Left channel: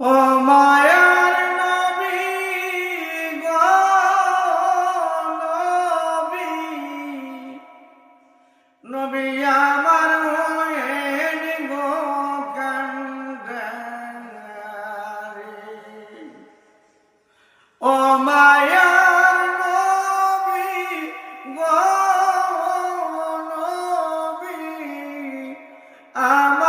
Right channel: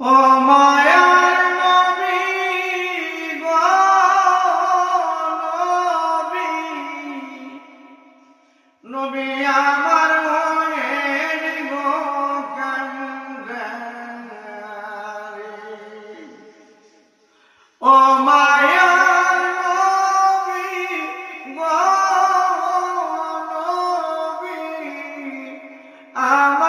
ও মায়ার নবী গো নবী। নবী আমার হয়ে গো কান্দারি ও মায়ার নবী গো নবী আমার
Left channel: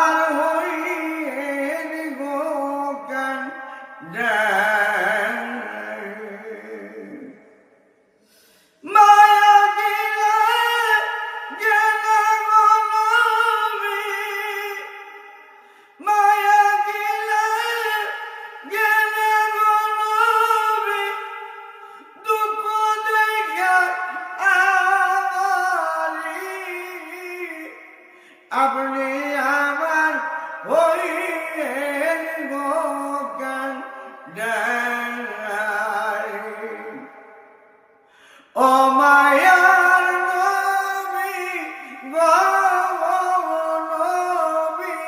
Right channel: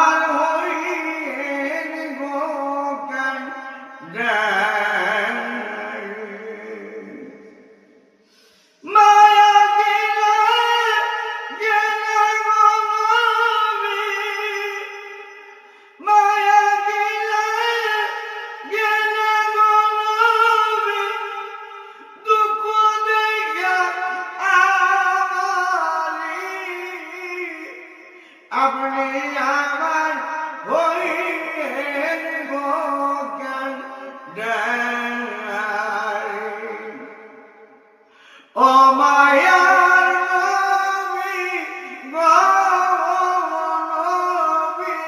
আপনি আমার হইয়েন গো কান্দারি ও মায়ার নবী নবী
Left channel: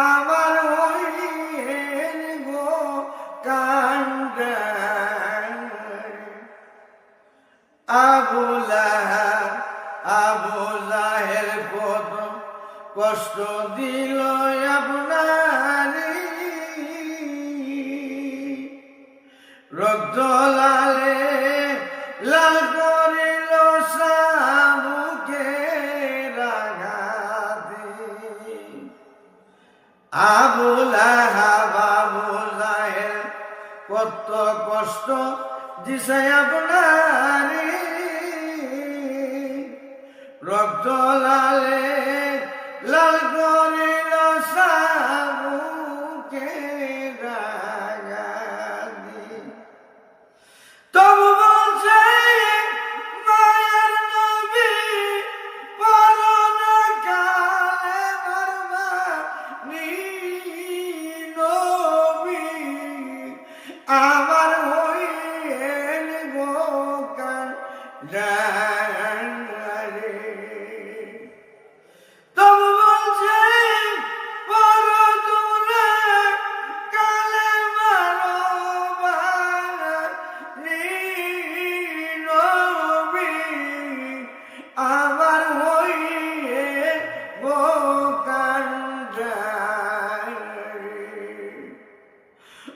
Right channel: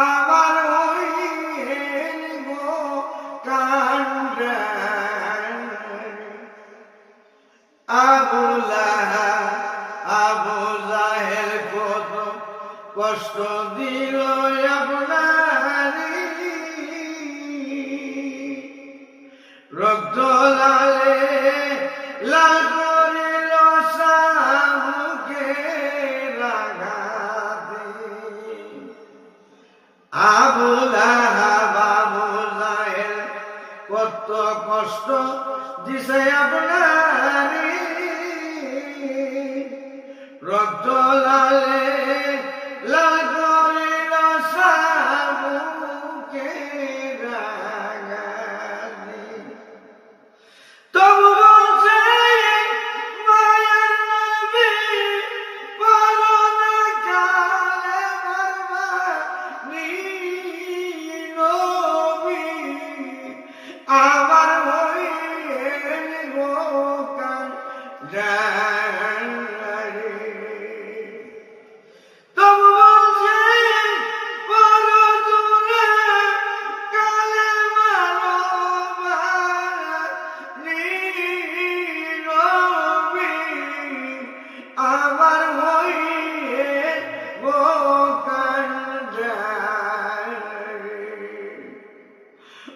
আমার হইয়েন গো কান্দারি কষ্ট দিল আপনারি। রক্ত লালে লাল করিল সামুকে রাগাতে। আবু লাহাব, আবু জাহেল, কত কষ্ট দিছে আপনারি। রক্ত লালে করিল সাবুকে গাগাদি তবু বলছে, মায়ের নবী করোনা কালে বরবানি নবী। আমার হইয়েন গো কান্দারি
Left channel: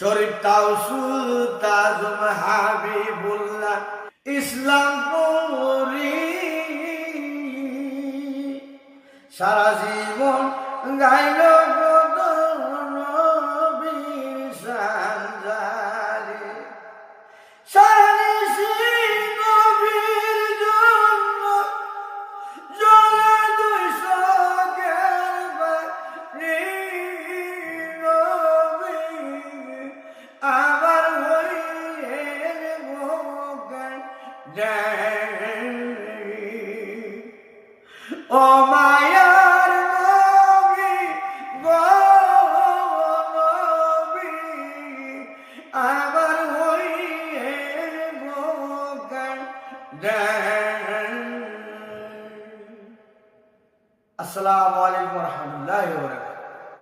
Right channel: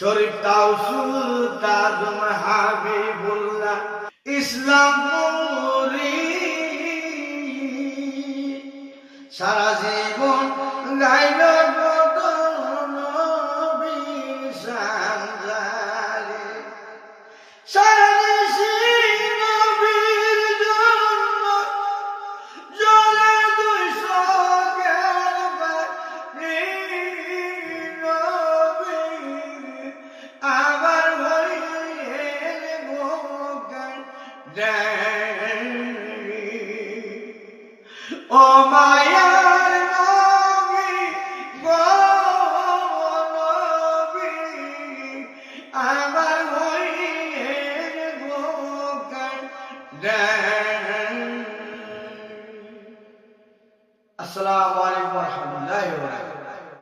শরীফ তাউসুল তাজুম হাবিবুল্লাহ ইসলাম সারা জীবন গাইল গদ আবার হইয়ে ভোগান ও মায়ার নবী গো নবী আবার হইয়ে ভোগান আসসালামু